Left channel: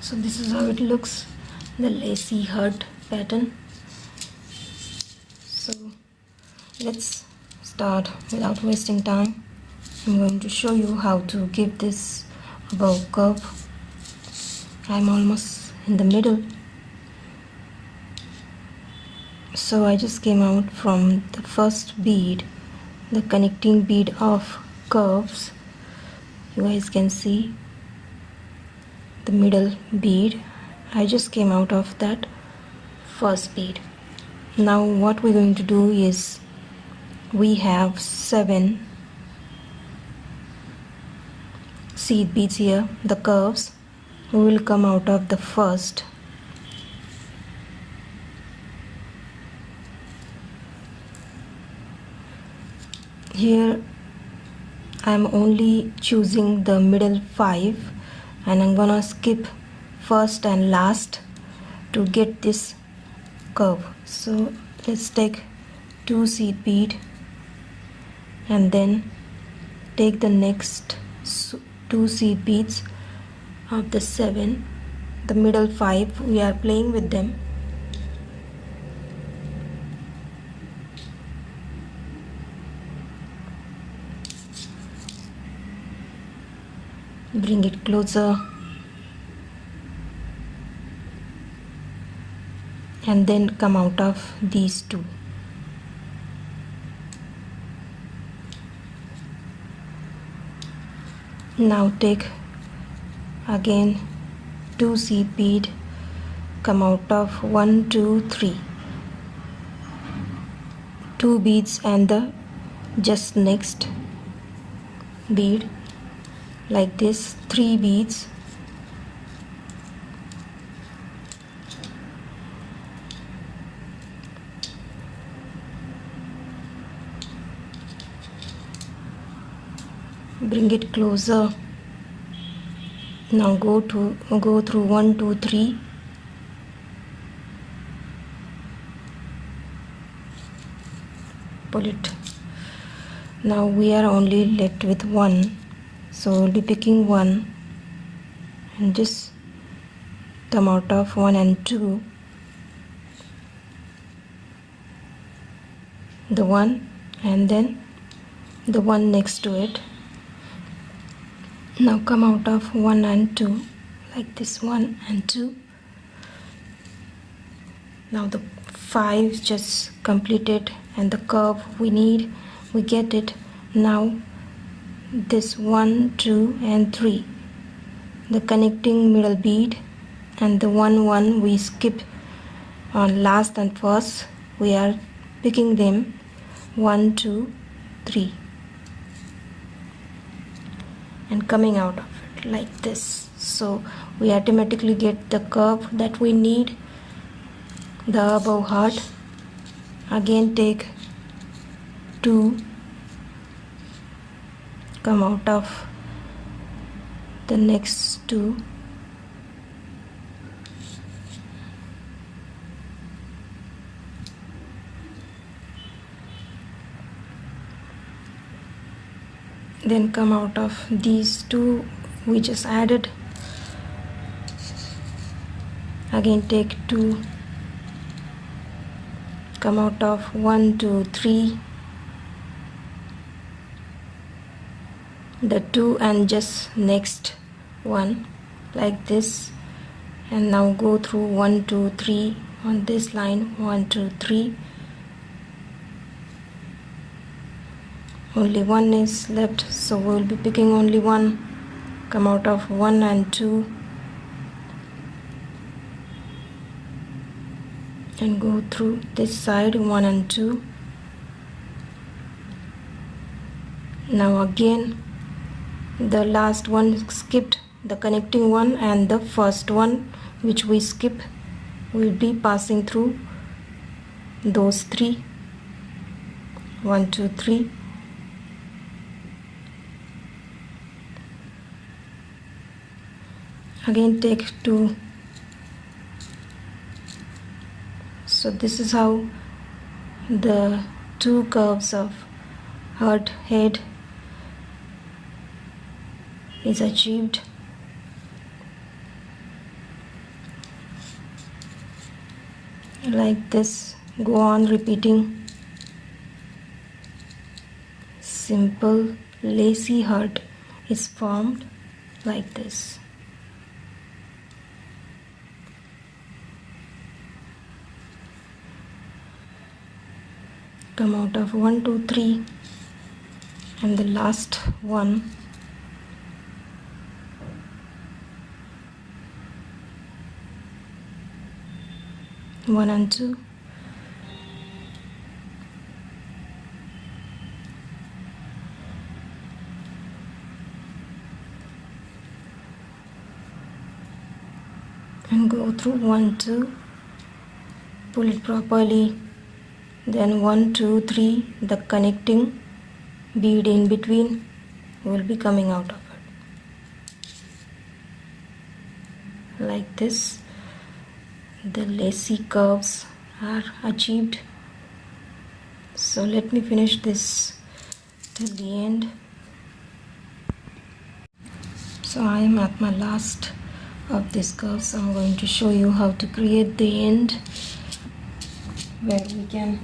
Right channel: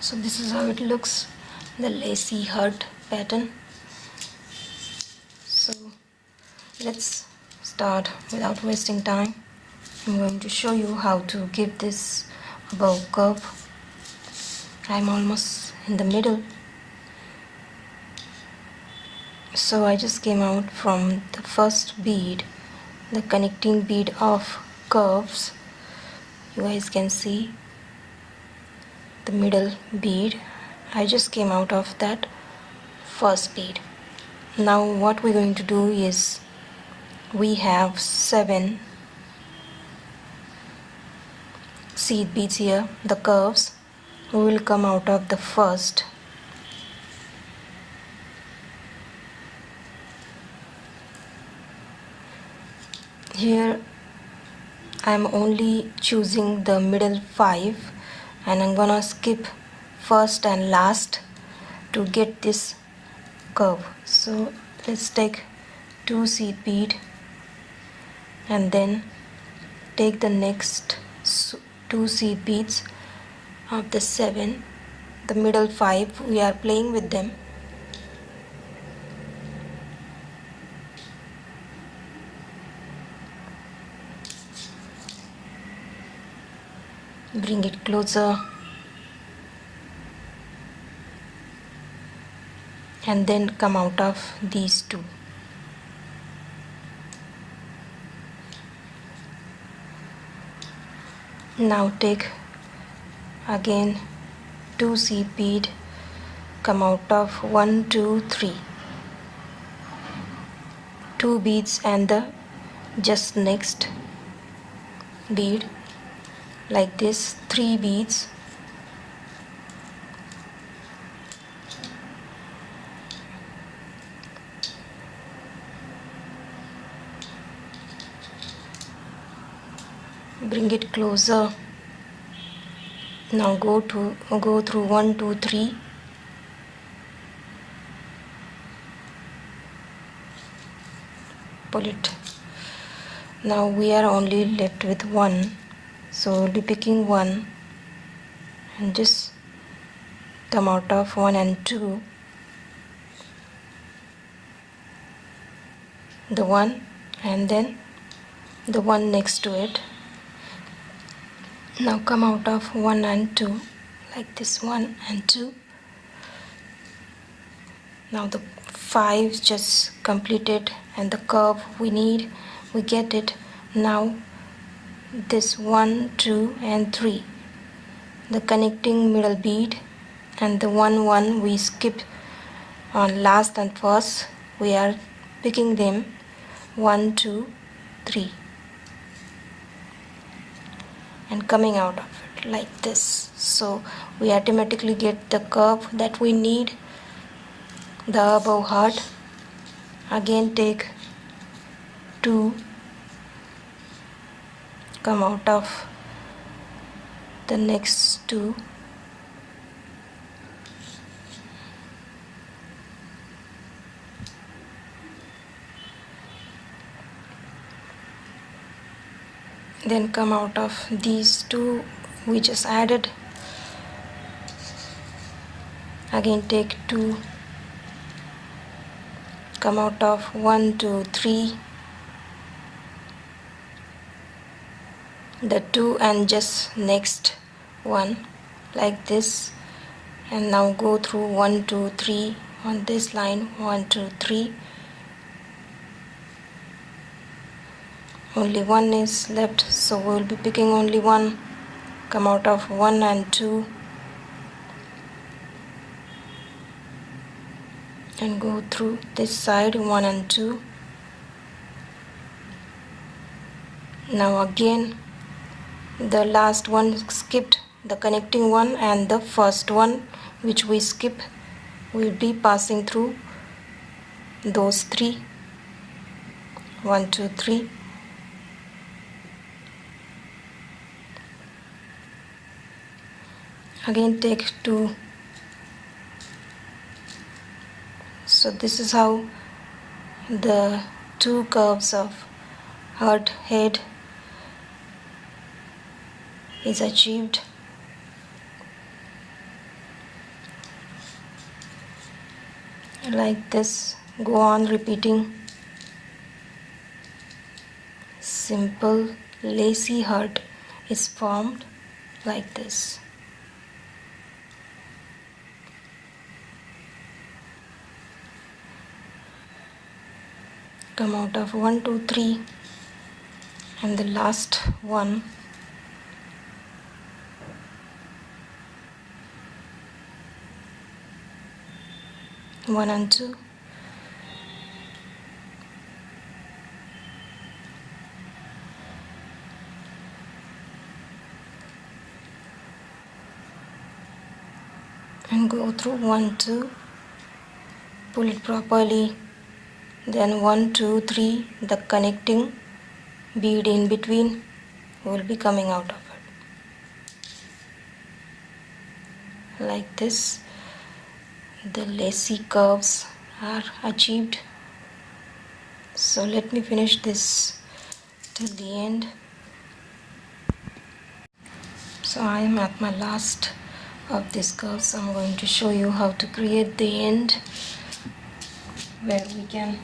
So this is how it looks, the lacy heart pattern. So let's start without wasting time. I'm going to show you how to give this bow curve. I'm almost in the middle. So I just came out from the first bead, the connecting bead of curves. You guys can see the middle bead. I just came out of that first bead. Now what we're going to do is, we have 7 seed beads here, the curves. We will come out of the first. Here I'm only choosing the middle 5 and I'm gonna skip first and last to get this curve. So let's take 2 seed bead and then take the next 2 seed beads of the 7, the middle 5. We are playing with them. Bring it closer and then come out of these 2. Now take again 2 seed bead, come out of 1, 2, 3, 2 beads and the just next bead, like this, 3 beads. Bring it closer. Now go through 1, 2, 3. Pull it. Now we are only left with 1, so we'll be picking 1 and just come out of 1 and 2, the 1 and then the 1 next to it. Now come out of 1 and 2, like this, 1 and 2. Now the 5 just completed and the curve we need, we get it. Now this 1, 2 and 3, the connecting middle bead, and the 1, 1 we skip on last and first. We are picking them 1, 2, 3 and coming out of it like this. So we automatically get the curve that we need, the above heart. Again take 2, come out of the next 2, then come out of these 2 we just added. Again take 2, come out of 1, 2, 3, the 2 and just next one, like this, and now go through 1, 2, 3 on this line, 1, 2, 3. Only 1 is left, so we will be picking only 1. Come out of 1 and 2 and go through this side, 1 and 2. Now again the last one skipped, the connecting one, and the first one which we skip, will be passing through those 3, 1, 2, 3. Again take 2. So this is how the 2 curves of heart head is achieved. like this. Go on repeating. Simple lacy heart is formed like this. Come out of 1 2 3 and the last one. One and two. And go through 1 2. Pull it properly. Then 1 2 3. The connecting bead in between will be coming out of it. Like this, the lacy curves are achieved. So let me finish this till the end. So I am at my last of this curve, so I'm going to show you how to create the end where we can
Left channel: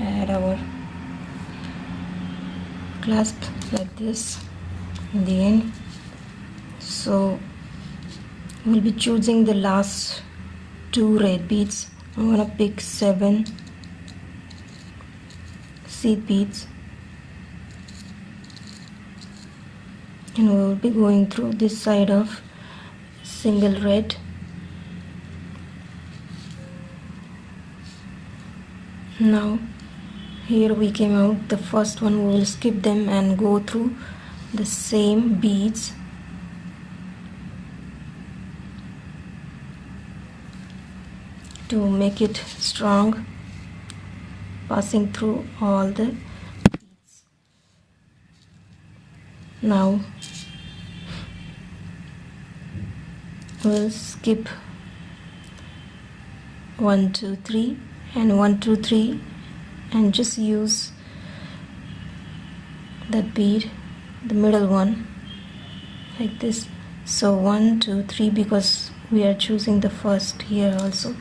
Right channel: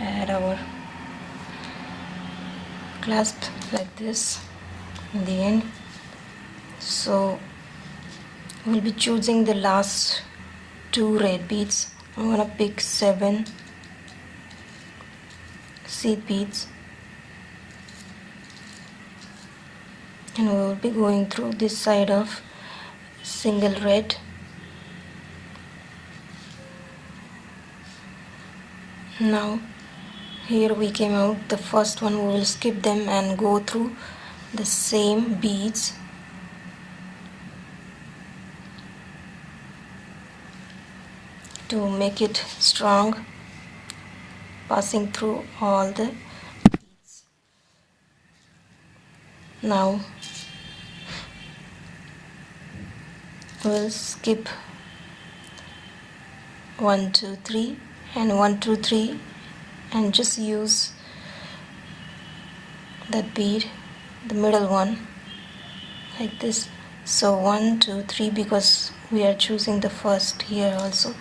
add our clasp like this in the end. So we'll be choosing the last two red beads. I'm gonna pick 7 seed beads, and we will be going through this side of single red. Now here we came out the first one. We will skip them and go through the same beads to make it strong, passing through all the beads. Now we'll skip 1 2 3 and 1 2 3 and just use that bead, the middle one, like this. So 1 2 3, because we are choosing the first here also.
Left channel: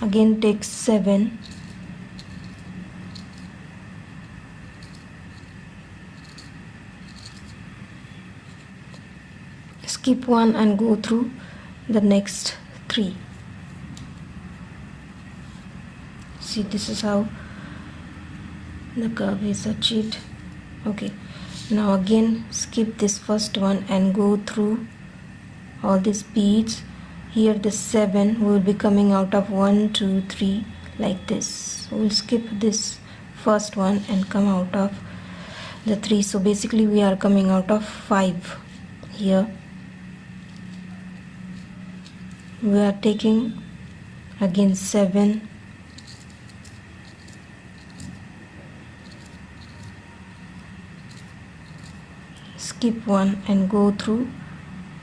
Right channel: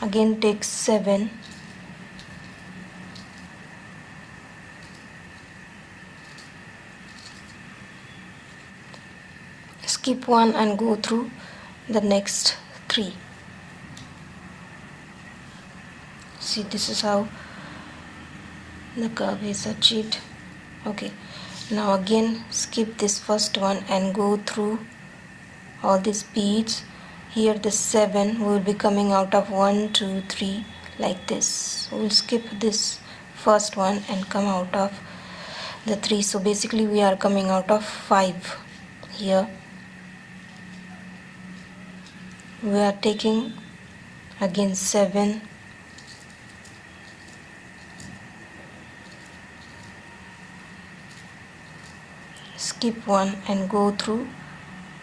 Again take 7, skip one and go through the next 3. See, this is how the curve is achieved. Okay, now again skip this first one and go through all these beads. Here the 7 will be coming out of 1 2 3 like this. We'll skip this first one and come out of the 3. So basically we are coming out of 5 here. We are taking again 7, skip one and go through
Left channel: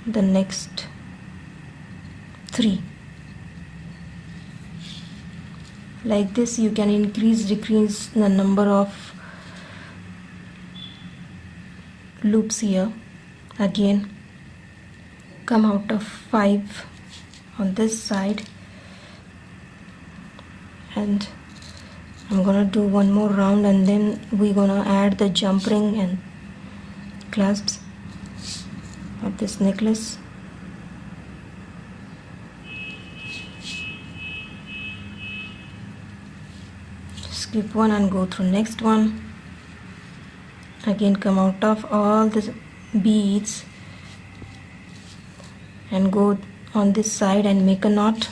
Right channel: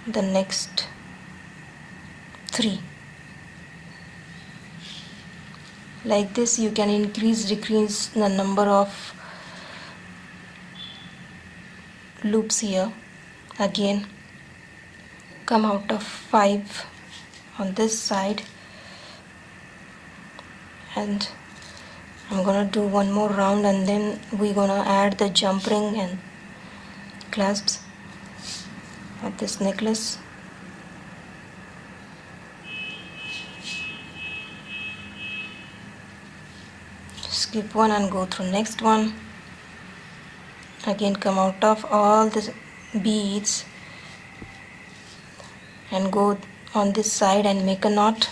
the next 3. Like this you can decrease the number of loops here. Again come out of 5 on this side, and I'm gonna do one more round, and then we're gonna add the jump ring and clasps of this necklace. Skip one and go through next one. Again come out of all the beads and go on this side and make a knot.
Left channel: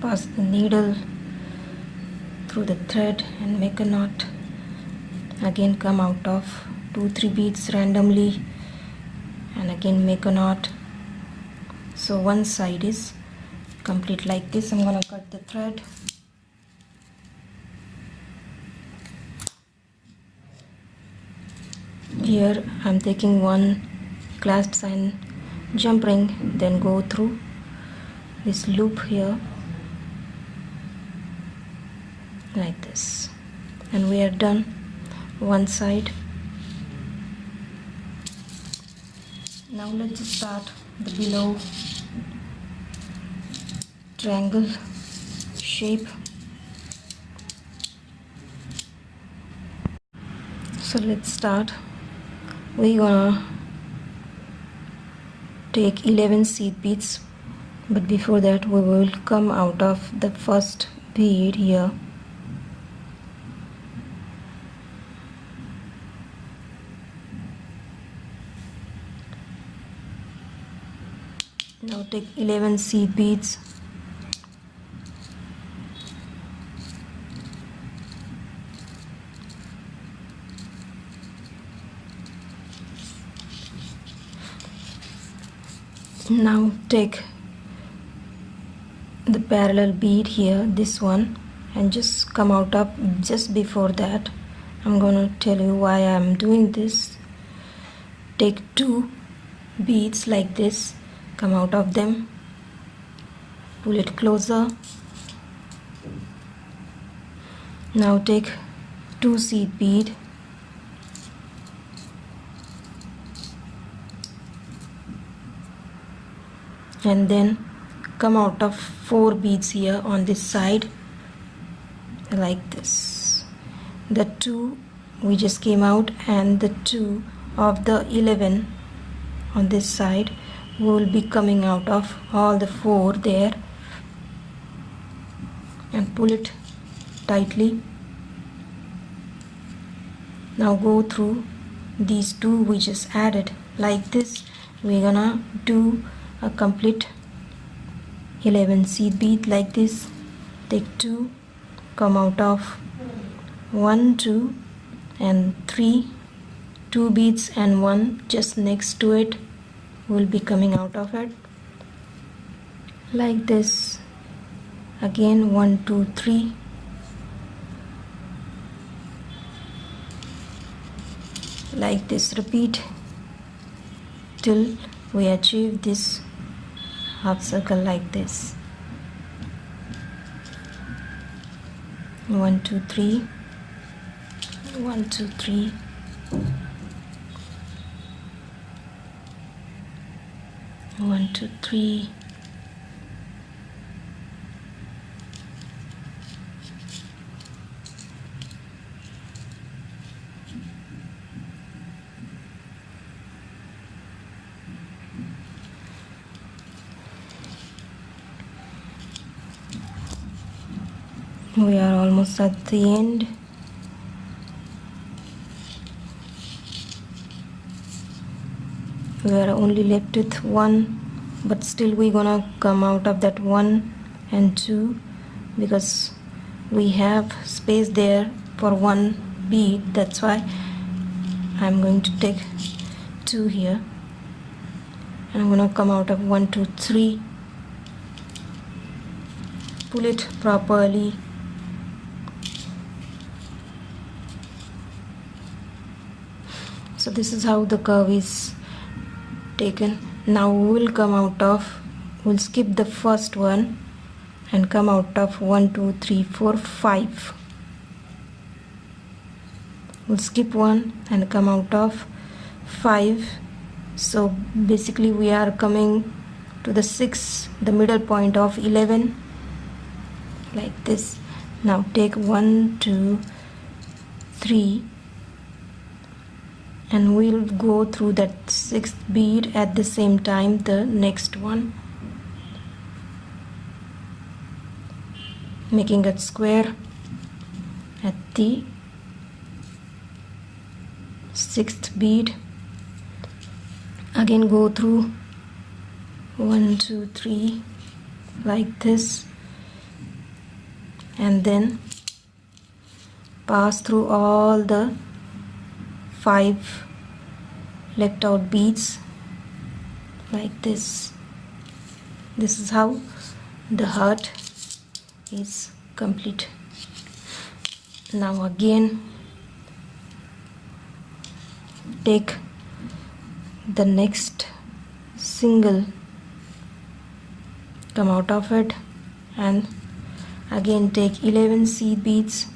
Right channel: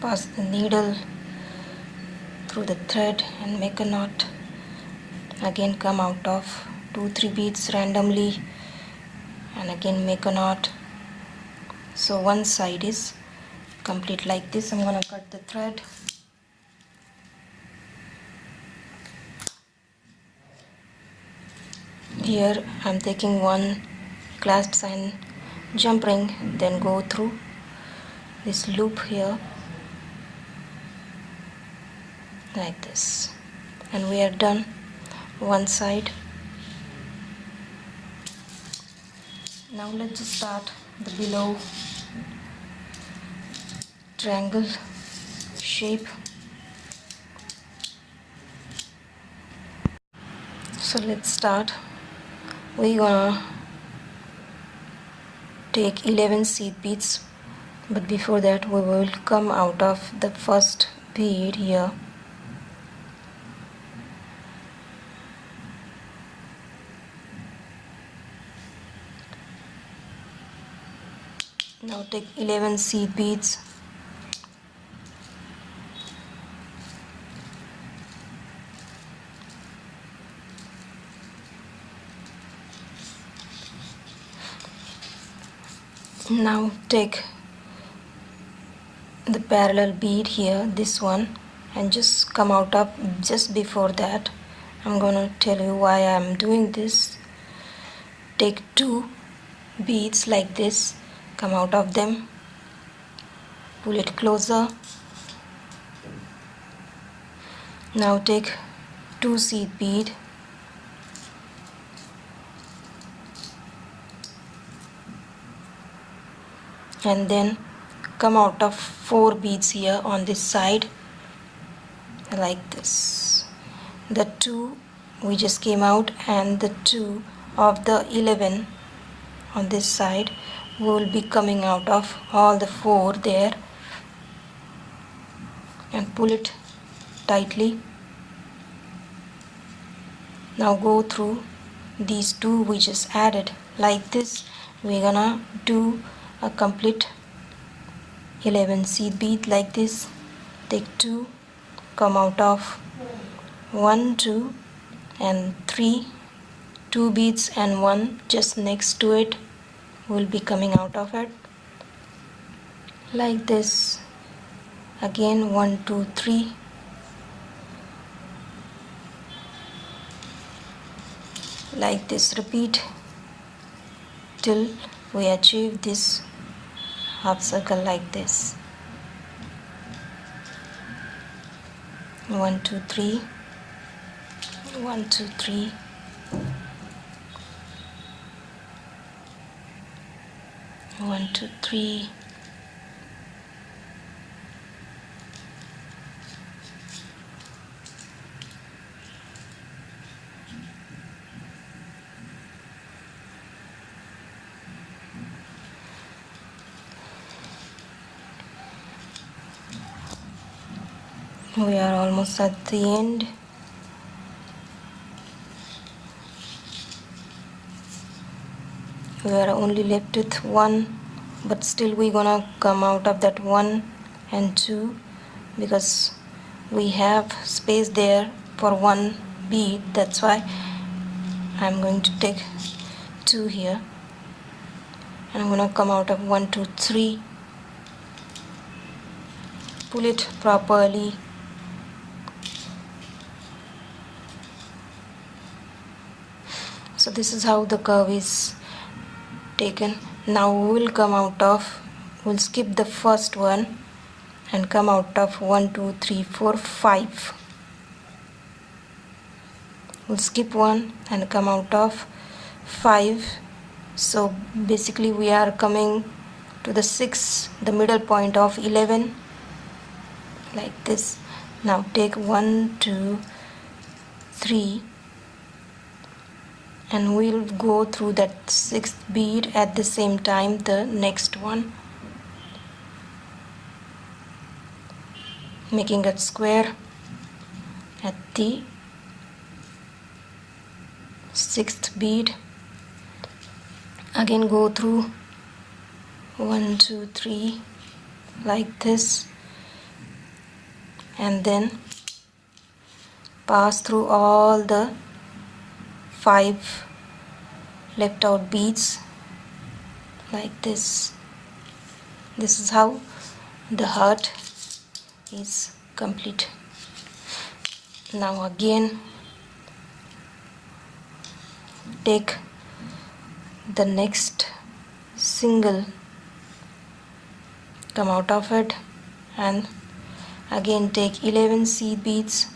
Pass the needle through the thread and make a knot. Again come out of 2 3 beads randomly and again make a knot. So one side is complete like this. I'm gonna cut the thread. Here I'm taking 1 clasps and jump ring, then go through this loop here like this, and we are done one side. Now let's just start the below triangle shape. So let's start. We're gonna take 11 seed beads, but before that we will come out of the first bead here. Now take 11 seed beads, now take the parallel bead here, this one, and just come out of. Just before that, I'm gonna tell you why I'm doing this. Take 2 beads like this, come out of them, pull it closer. Now take 2 seed bead, and then come out of 4 beads here on this side like this. The 2 we just came out, and the 2 of the 11 on this side will be coming out of all the 4 there, and pull it tightly. Now go through these 2 we just added like this. We're gonna do a complete 11 seed bead like this. Take 2, come out of 1, 2 and 3, 2 beads and 1 just next to it will be coming out of it like this. Again 1, 2, 3, like this. Repeat till we achieve this half circle like this. 1, 2, 3, 1, 2, 3, 1, 2, 3, we are almost at the end. We are only left with 1, but still we're gonna come out of that 1 and 2 because we have space there for 1 bead. That's why I'm going to take 2 here, and I'm gonna come out of 1, 2, 3, pull it properly. So this is how the curve is taken. Now we will come out of, we'll skip the first one and come out of 1, 2, 3, 4, 5. We'll skip 1 and come out of 5. So basically we are coming to the 6, the middle point of 11 like this. Now take 1, 2, 3, and we'll go through that 6th bead at the same time the next one, making a square at the 6th bead. Again go through 1, 2, 3 like this, and then pass through all the 5 left out beads like this. This is how the heart is complete. Now again take the next single come out of it, and again take 11 seed beads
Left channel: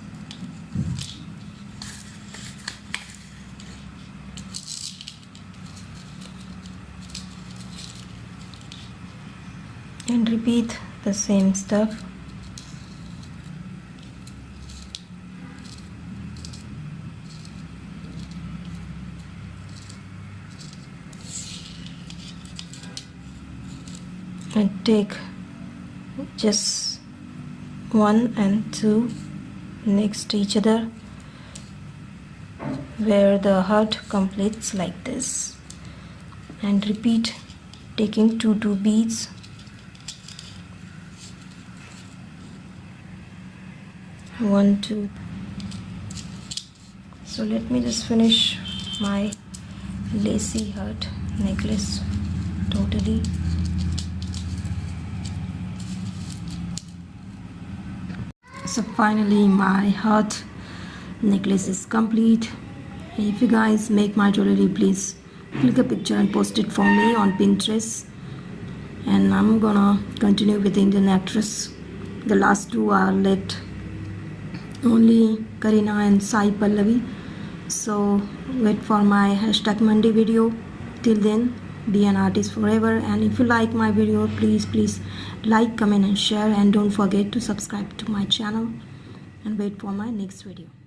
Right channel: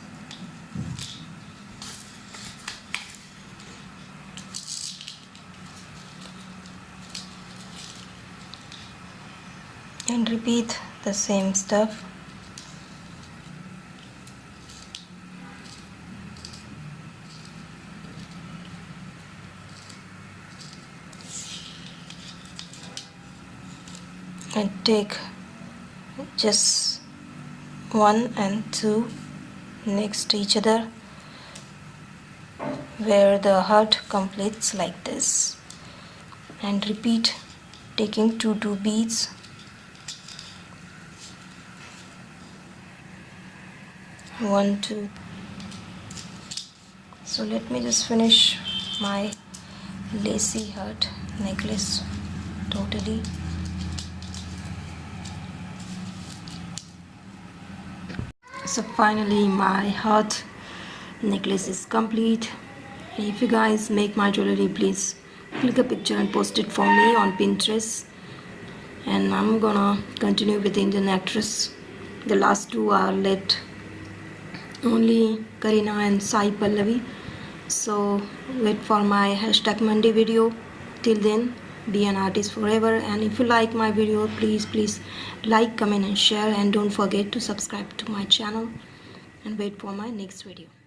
and repeat the same stuff. And take just 1 and 2 next to each other, where the heart completes like this, and repeat taking 2 beads, one, two. So let me just finish my lacy heart necklace totally. So finally my heart necklace is complete. If you guys make my jewelry, please click a picture and post it for me on Pinterest. And I'm gonna continue with the Indian actress. The last two are left, only Karina and Sai Pallavi. So wait for my #Monday video. Till then, be an artist forever. And if you like my video, please like, comment and share, and don't forget to subscribe to my channel, and wait for my next video.